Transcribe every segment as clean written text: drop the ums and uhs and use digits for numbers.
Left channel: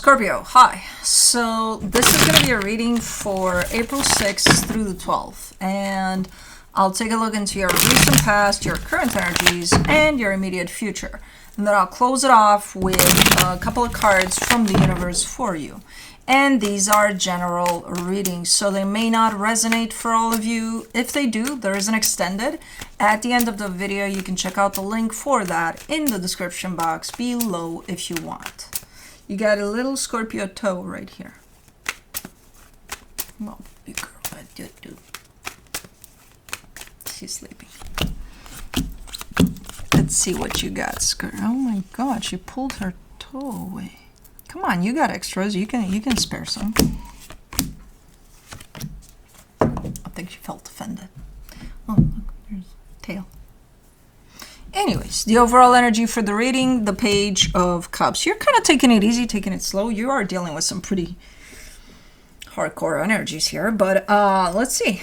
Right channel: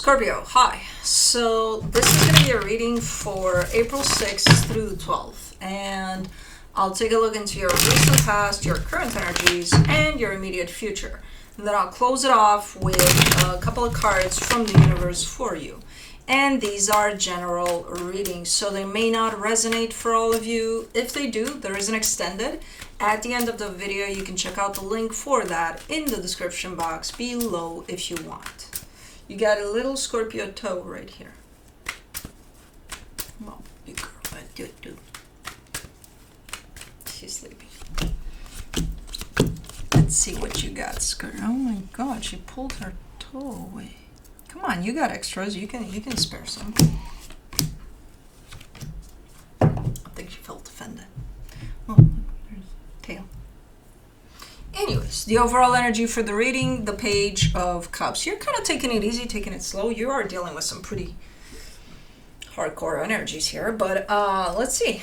Scorpio, hi. So this is going to be a reading for April 6th through the 12th. And I'll take a look into your recent past, your current energies, and your immediate future. And then I'll close it off with a couple of cards from the universe for you. And these are general readings, so they may not resonate for all of you. If they do, there is an extended. At the end of the video, you can check out the link for that in the description box below if you want. You got a little Scorpio toe right here. Well, big girl, what do do? She's sleeping. Let's see what you got, Scorpio. Oh my God, she pulled her toe away. Come on, you got extras. You can spare some. I think she felt offended. Oh, look, there's tail. Anyways, the overall energy for the reading, the Page of Cups. You're kind of taking it easy, taking it slow. You are dealing with some pretty hardcore energies here. But let's see.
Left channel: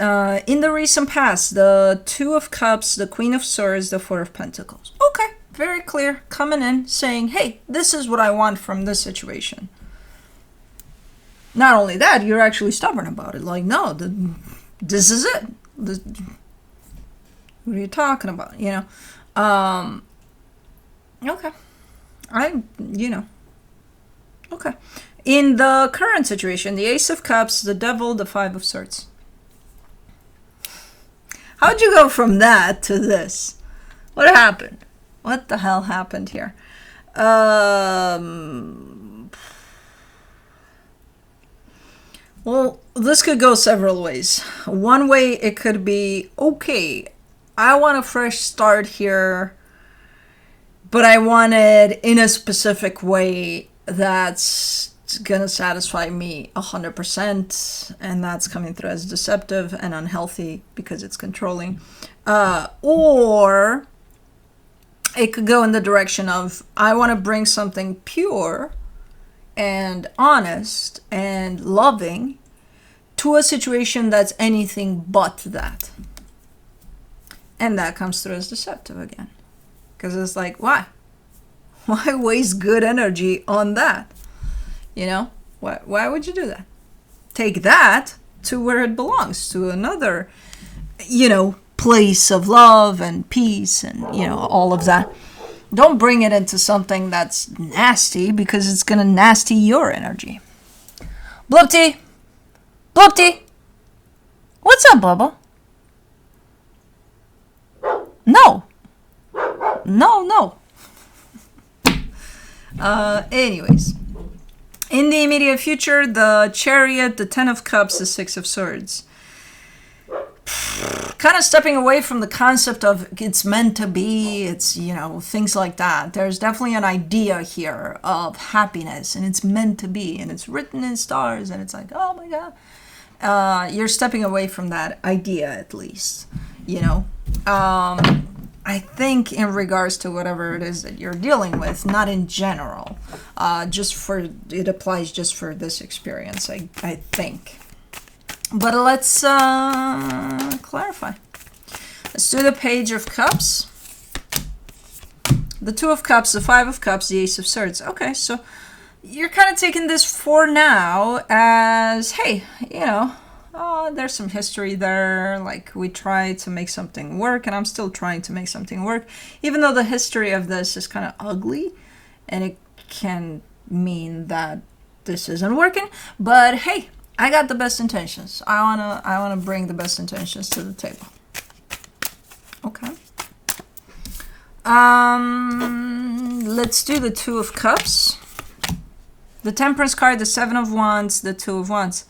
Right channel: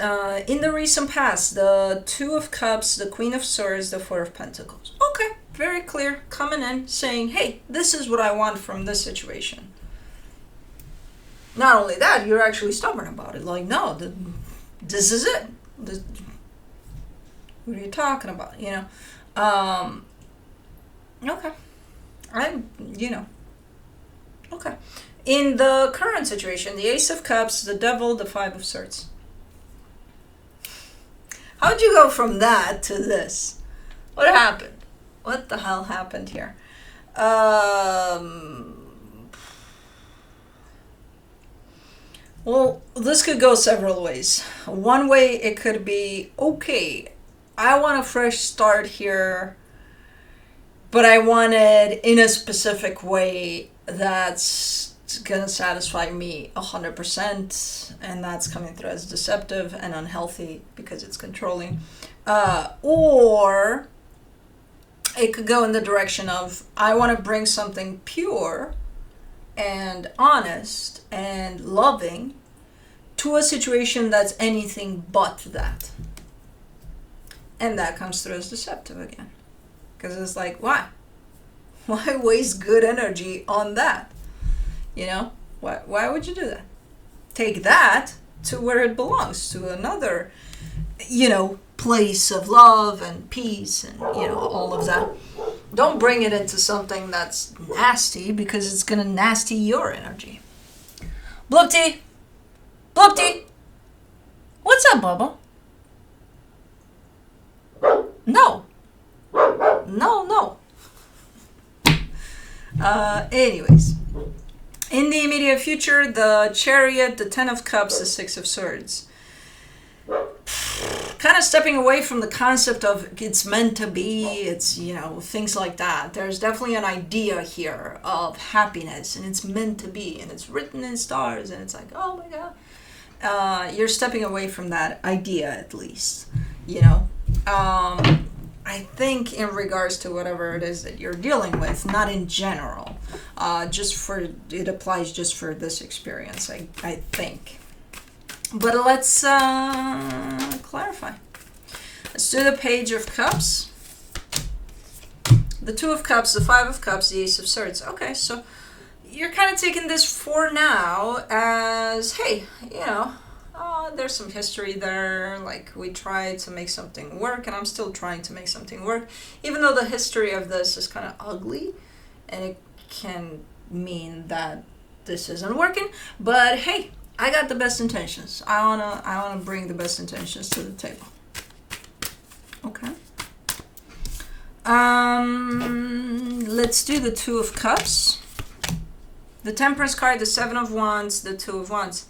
In the recent past, the Two of Cups, the Queen of Swords, the Four of Pentacles. Okay, very clear. Coming in, saying, hey, this is what I want from this situation. Not only that, you're actually stubborn about it. Like, no, this is it. What are you talking about? You know, okay. Okay. In the current situation, the Ace of Cups, the Devil, the Five of Swords. How'd you go from that to this? What happened? What the hell happened here? Well, this could go several ways. One way it could be, okay, I want a fresh start here, but I want it in a specific way that's gonna satisfy me 100%, and that's coming through as deceptive and unhealthy because it's controlling. Or it could go in the direction of, I want to bring something pure and honest and loving to a situation that's anything but that. And that comes through as deceptive again. Because it's like, why? Why waste good energy on that? You know? Why would you do that? Take that to where it belongs, to another, place of love and peace and, all of that. Don't bring it into something that's nasty, because it's going to nasty your energy. Bloopty! Bloopty! What's up, Bubba? No. Anyways. In the immediate future, the Chariot, the Ten of Cups, the Six of Swords. Kind of stepping away from the concept of it's meant to be, it's, things like that. There's definitely an idea here of happiness, and it's meant to be, and it's written in stars, and it's like, oh my God. You're stepping away from that idea, at least, I think in regards to whatever it is that you're dealing with, not in general, it applies just for this experience, I think. But let's clarify. Let's do the Page of Cups, the Two of Cups, the Five of Cups, the Ace of Swords. Okay, so you're kind of taking this for now as, hey, there's some history there, like we tried to make something work, and I'm still trying to make something work, even though the history of this is kind of ugly, and it can mean that this isn't working, but hey, I got the best intentions. I wanna bring the best intentions to the table. Okay. Let's do the Two of Cups, the Temperance card, the Seven of Wands, the Two of Wands.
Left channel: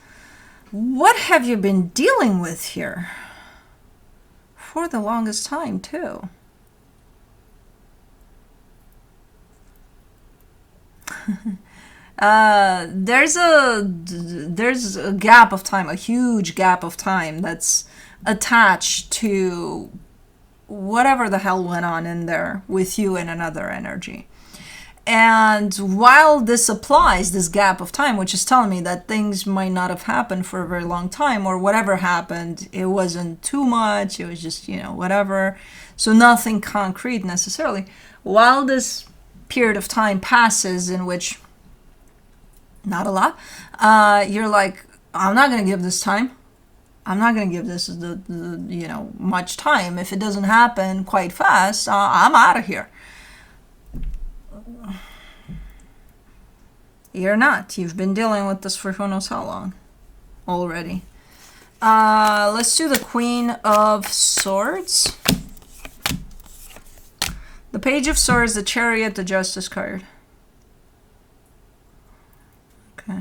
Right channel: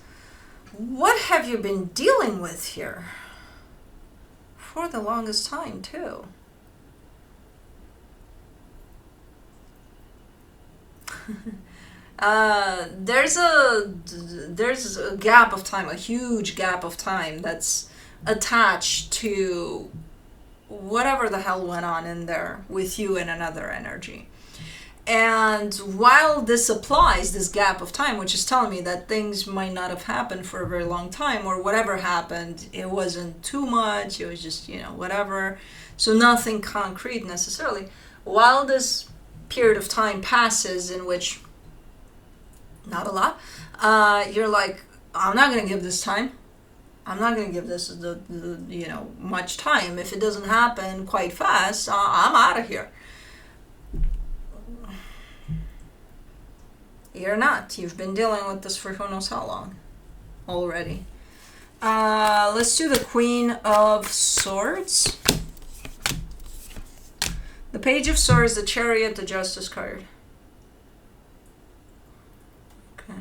What have you been dealing with here? For the longest time, too. There's a gap of time, a huge gap of time that's attached to whatever the hell went on in there with you and another energy. And while this applies, this gap of time, which is telling me that things might not have happened for a very long time, or whatever happened, it wasn't too much, it was just, whatever. So nothing concrete necessarily. While this period of time passes in which not a lot. You're like, I'm not going to give this time. I'm not going to give this much time. If it doesn't happen quite fast, I'm out of here. You're not. You've been dealing with this for who knows how long already. Let's do the Queen of Swords. The Page of Swords, the Chariot, the Justice card. Okay.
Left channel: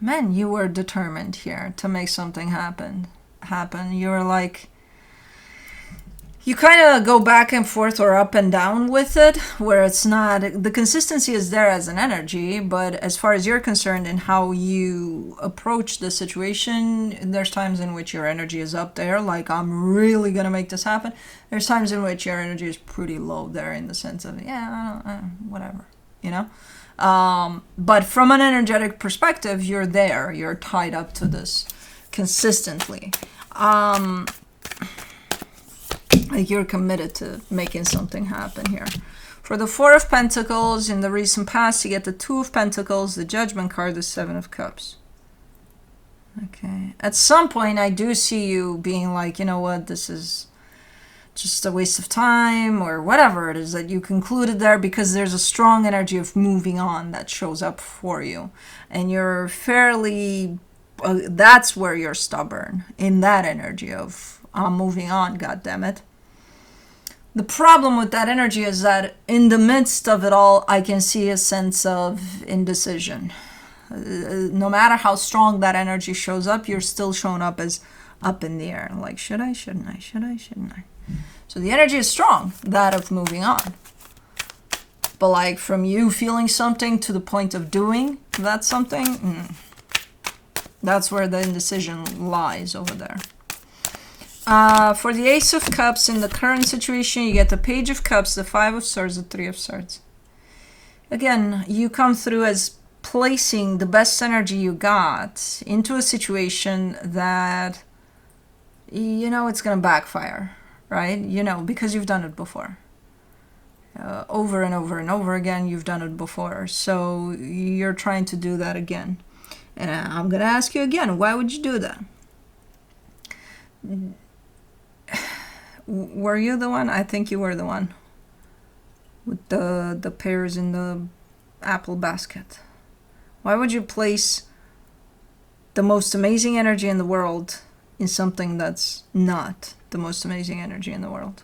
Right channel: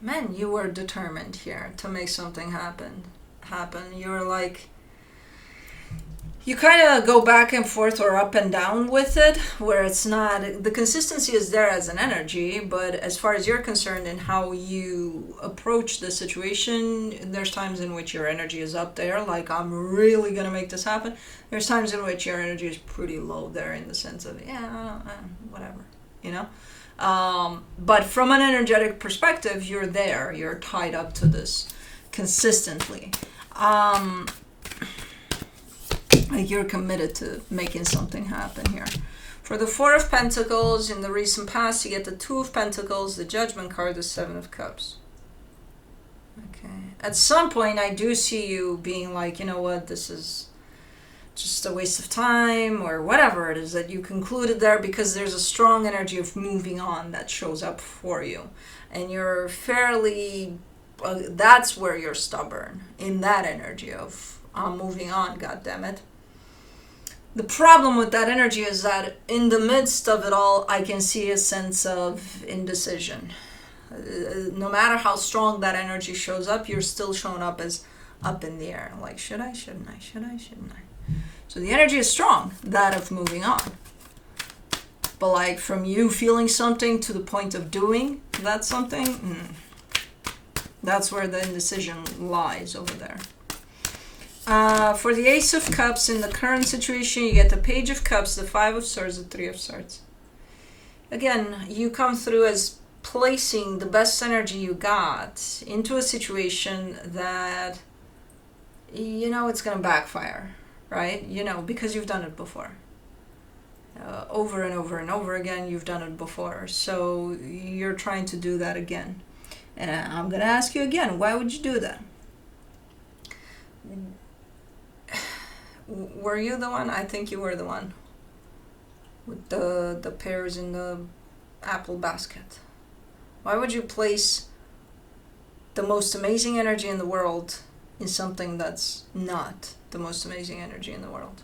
Man, you were determined here to make something happen. You were like, you kind of go back and forth or up and down with it, where it's not, the consistency is there as an energy, but as far as you're concerned and how you approach the situation, there's times in which your energy is up there, like, I'm really going to make this happen. There's times in which your energy is pretty low there in the sense of, whatever, you know? But from an energetic perspective, you're there. You're tied up to this consistently. Like you're committed to making something happen here. For the Four of Pentacles, in the recent past, you get the Two of Pentacles, the Judgment card, the Seven of Cups. Okay. At some point, I do see you being like, you know what, this is just a waste of time, or whatever it is that you concluded there, because there's a strong energy of moving on that shows up for you. And you're fairly, that's where you're stubborn, in that energy of, I'm moving on, goddammit. The problem with that energy is that in the midst of it all, I can see a sense of indecision. No matter how strong that energy shows up, you're still showing up as up in the air. Like, should I, shouldn't I, should I, shouldn't I? So the energy is strong, that of moving on. But like from you feeling something to the point of doing that something, that's where the indecision lies over there. For the Ace of Cups, in the current situation, you get the Page of Cups, the Five of Swords, the Three of Swords. Again, you come through as placing the best energy you got into a situation that, you know, it's going to backfire, right? You know, because you've done it before. Over and over and over again, you've done it before. So you're trying to do that again. And I'm going to ask you again, why would you do that? Were you the one? I think you were the one with the pears in the apple basket. Why would you place the most amazing energy in the world in something that's not the most amazing energy in the world?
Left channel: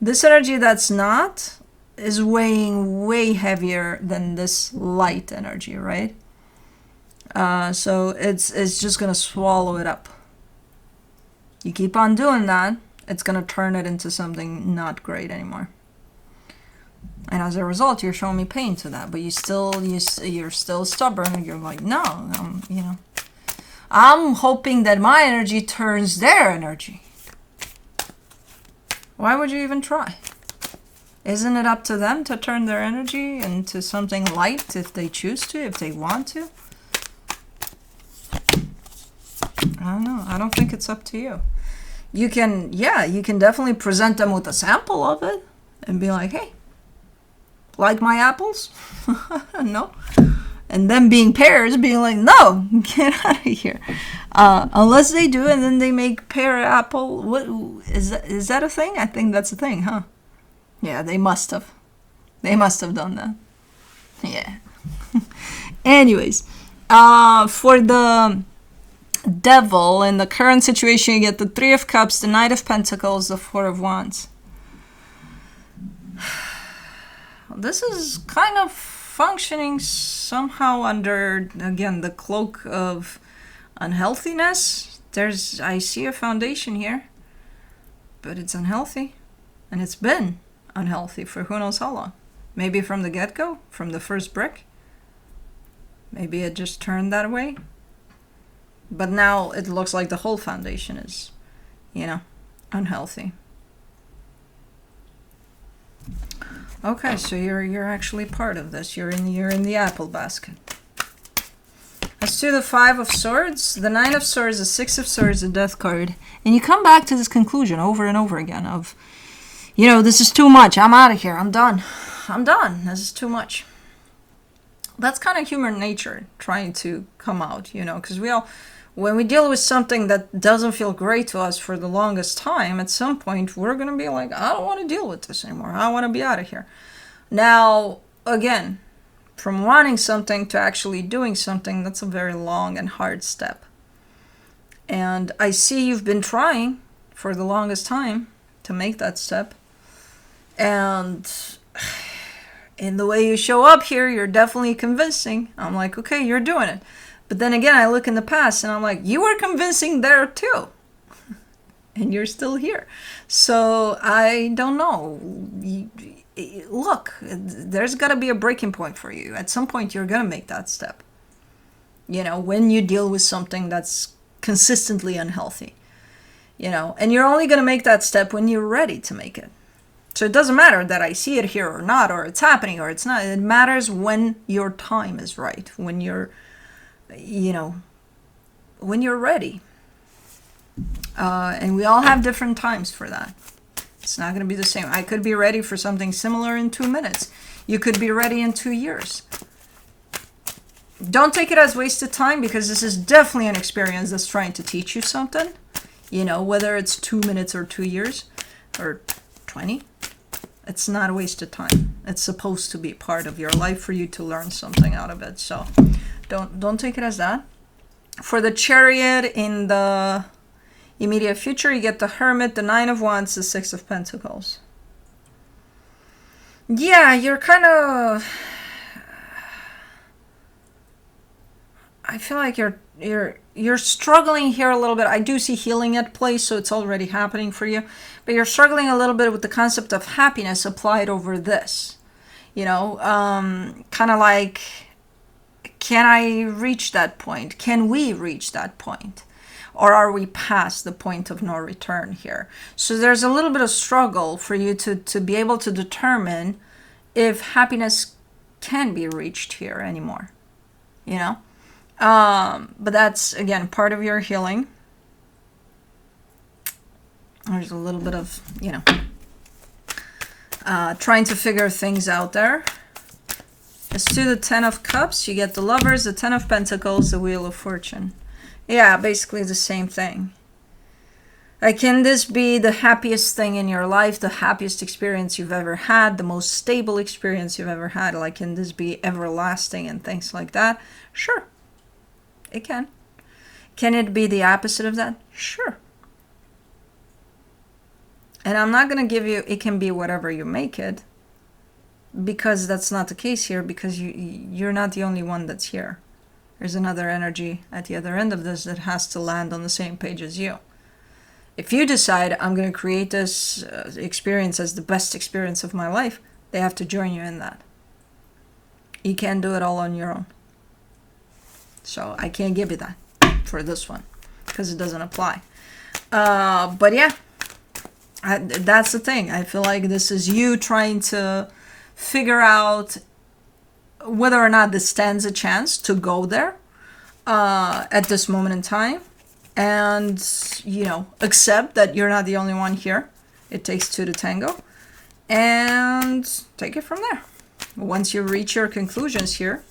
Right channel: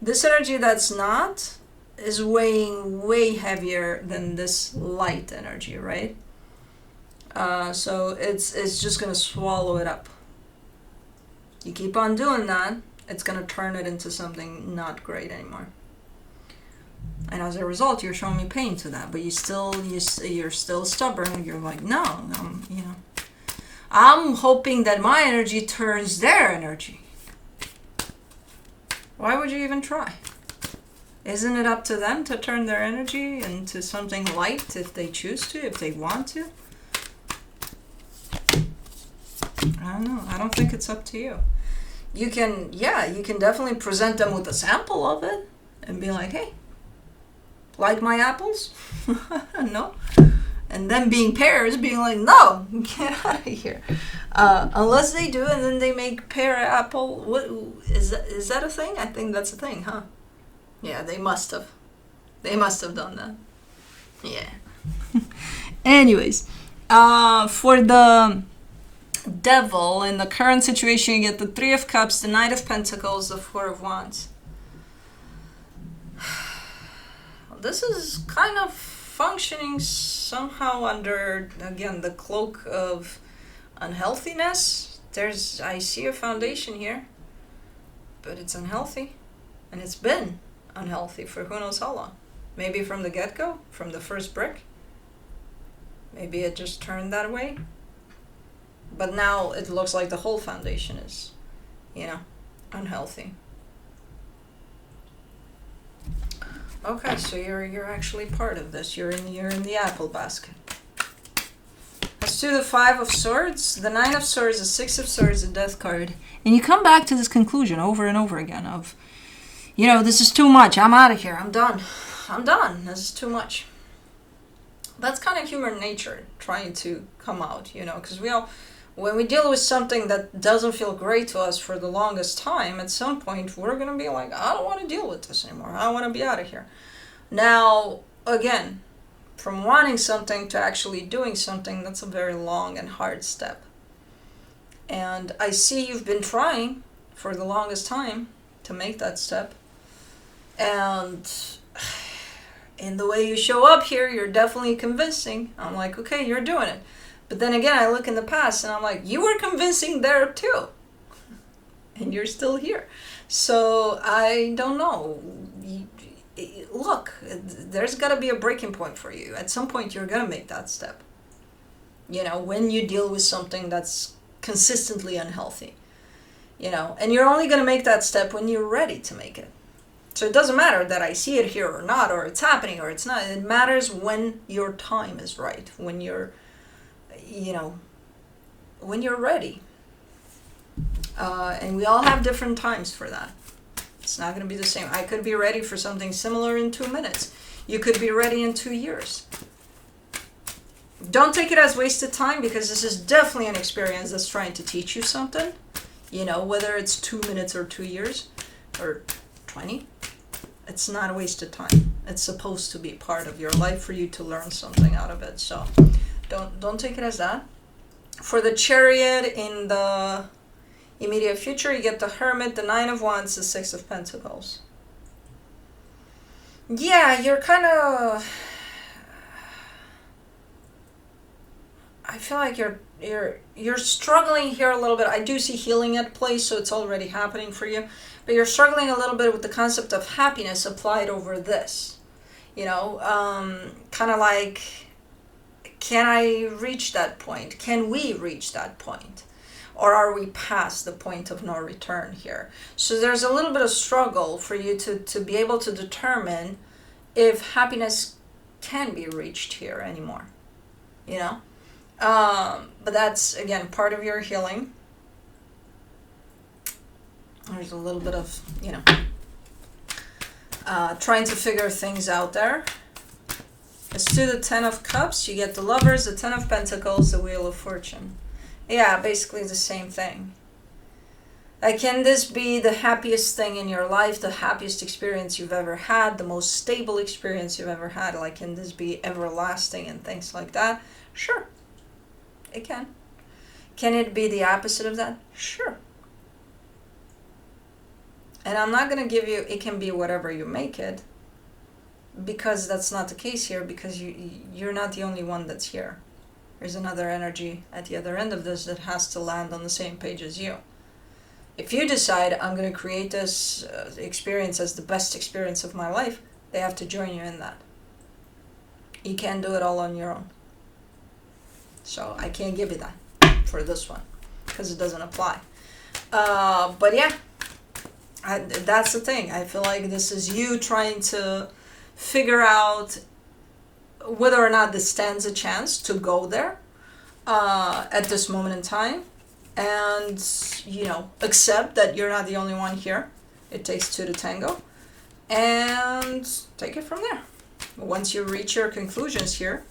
This energy that's not is weighing way heavier than this light energy, right? So it's just going to swallow it up. You keep on doing that, it's going to turn it into something not great anymore. And as a result, you're showing me pain to that, but you're still stubborn. You're like, no, I'm hoping that my energy turns their energy. Why would you even try? Isn't it up to them to turn their energy into something light if they choose to, if they want to? I don't know. I don't think it's up to you. You can definitely present them with a sample of it and be like, hey, like my apples? No. And them being pears, being like, no, get out of here. Unless they do, and then they make pear apple. What is that a thing? I think that's a thing, huh? Yeah, they must have. They must have done that. Yeah. Anyways, for the Devil, in the current situation, you get the Three of Cups, the Knight of Pentacles, the Four of Wands. This is kind of functioning somehow under, again, the cloak of unhealthiness. I see a foundation here, but it's unhealthy, and it's been unhealthy for who knows how long. Maybe from the get-go, from the first brick. Maybe it just turned that way. But now it looks like the whole foundation is, unhealthy. Okay, so you're actually part of this. You're in the apple basket. Let's do the Five of Swords, the Nine of Swords, the Six of Swords, the Death card. And you come back to this conclusion over and over again of, this is too much. I'm out of here. I'm done. This is too much. That's kind of human nature trying to come out, because when we deal with something that doesn't feel great to us for the longest time, at some point we're going to be like, I don't want to deal with this anymore. I want to be out of here. Now, again, from wanting something to actually doing something, that's a very long and hard step. And I see you've been trying for the longest time to make that step. And in the way you show up here, you're definitely convincing. I'm like, okay, you're doing it. But then again, I look in the past and I'm like, you were convincing there too. And you're still here. So I don't know. Look, there's got to be a breaking point for you. At some point, you're going to make that step. When you deal with something that's consistently unhealthy. And you're only going to make that step when you're ready to make it. So it doesn't matter that I see it here or not, or it's happening or it's not. It matters when your time is right, when you're ready. And we all have different times for that. It's not going to be the same. I could be ready for something similar in 2 minutes. You could be ready in 2 years. Don't take it as wasted time, because this is definitely an experience that's trying to teach you something. Whether it's 2 minutes or 2 years or 20. It's not a waste of time. It's supposed to be part of your life for you to learn something out of it. So don't take it as that. For the Chariot in the immediate future, you get the Hermit, the Nine of Wands, the Six of Pentacles. Yeah, you're kind of... I feel like you're struggling here a little bit. I do see healing at play, so it's already happening for you. But you're struggling a little bit with the concept of happiness applied over this. Kind of like, can I reach that point? Can we reach that point? Or are we past the point of no return here? So there's a little bit of struggle for you to be able to determine if happiness can be reached here anymore. But that's, again, part of your healing. There's a little bit of, trying to figure things out there. Let's do the Ten of Cups. You get the Lovers, the Ten of Pentacles, the Wheel of Fortune. Yeah, basically the same thing. Like, can this be the happiest thing in your life, the happiest experience you've ever had, the most stable experience you've ever had? Like, can this be everlasting and things like that? Sure. It can. Can it be the opposite of that? Sure. And I'm not going to give you, it can be whatever you make it, because that's not the case here, because you're not the only one that's here. There's another energy at the other end of this that has to land on the same page as you. If you decide, I'm going to create this experience as the best experience of my life, they have to join you in that. You can't do it all on your own. So I can't give you that for this one, because it doesn't apply. But yeah, that's the thing. I feel like this is you trying to figure out whether or not this stands a chance to go there at this moment in time. And, accept that you're not the only one here. It takes two to tango. And take it from there. Once you reach your conclusions here,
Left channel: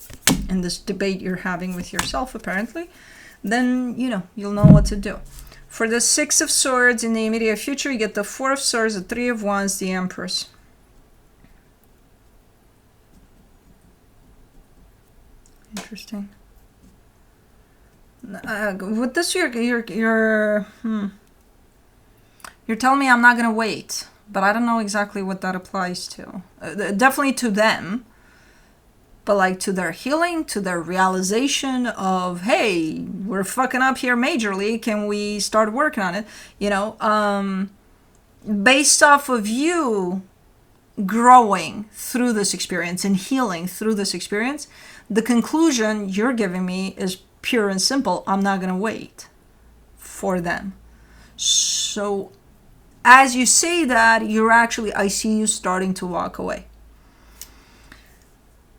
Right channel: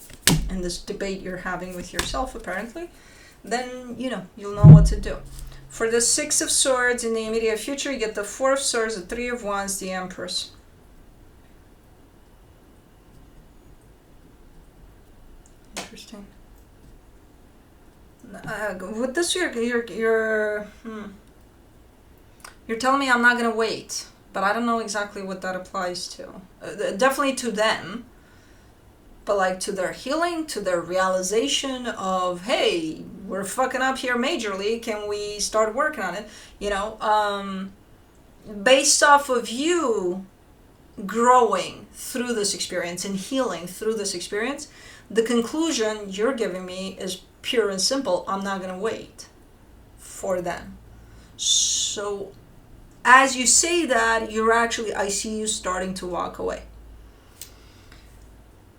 in this debate you're having with yourself, apparently, then, you'll know what to do. For the Six of Swords in the immediate future, you get the Four of Swords, the Three of Wands, the Empress. Interesting. With this, you're telling me I'm not going to wait, but I don't know exactly what that applies to. Definitely to them, but like to their healing, to their realization of, hey, we're fucking up here majorly. Can we start working on it? Based off of you growing through this experience and healing through this experience, the conclusion you're giving me is pure and simple. I'm not going to wait for them. So as you say that, I see you starting to walk away.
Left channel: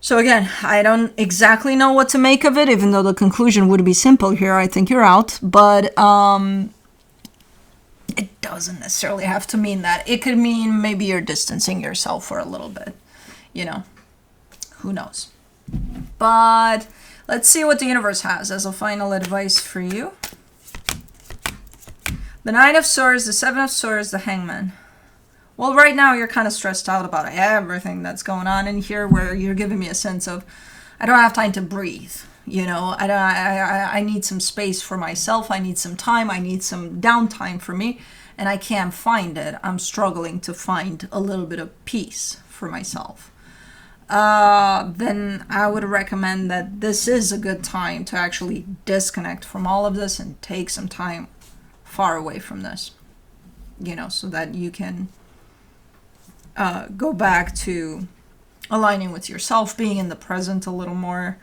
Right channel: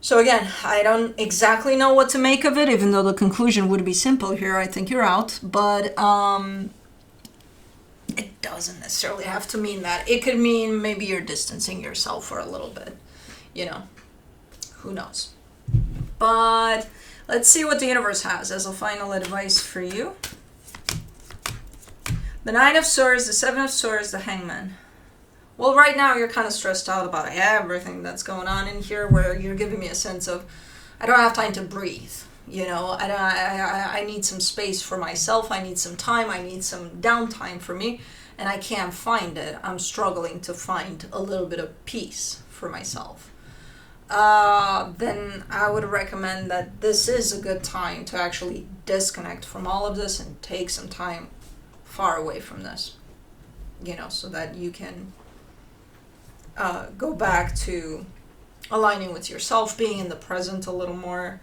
So again, I don't exactly know what to make of it, even though the conclusion would be simple here. I think you're out, but it doesn't necessarily have to mean that. It could mean maybe you're distancing yourself for a little bit, who knows? But let's see what the universe has as a final advice for you. The Nine of Swords, the Seven of Swords, the Hangman. Well, right now you're kind of stressed out about everything that's going on in here, where you're giving me a sense of, I don't have time to breathe. You know, I need some space for myself. I need some time. I need some downtime for me, and I can't find it. I'm struggling to find a little bit of peace for myself. Then I would recommend that this is a good time to actually disconnect from all of this and take some time far away from this, you know, so that you can go back to aligning with yourself, being in the present a little more,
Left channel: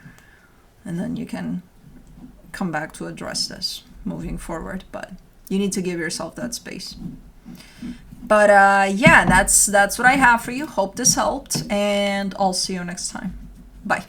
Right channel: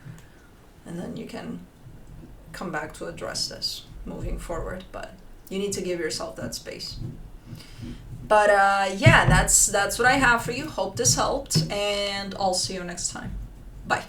and then you can come back to address this moving forward. But you need to give yourself that space. But yeah, that's what I have for you. Hope this helped, and I'll see you next time. Bye.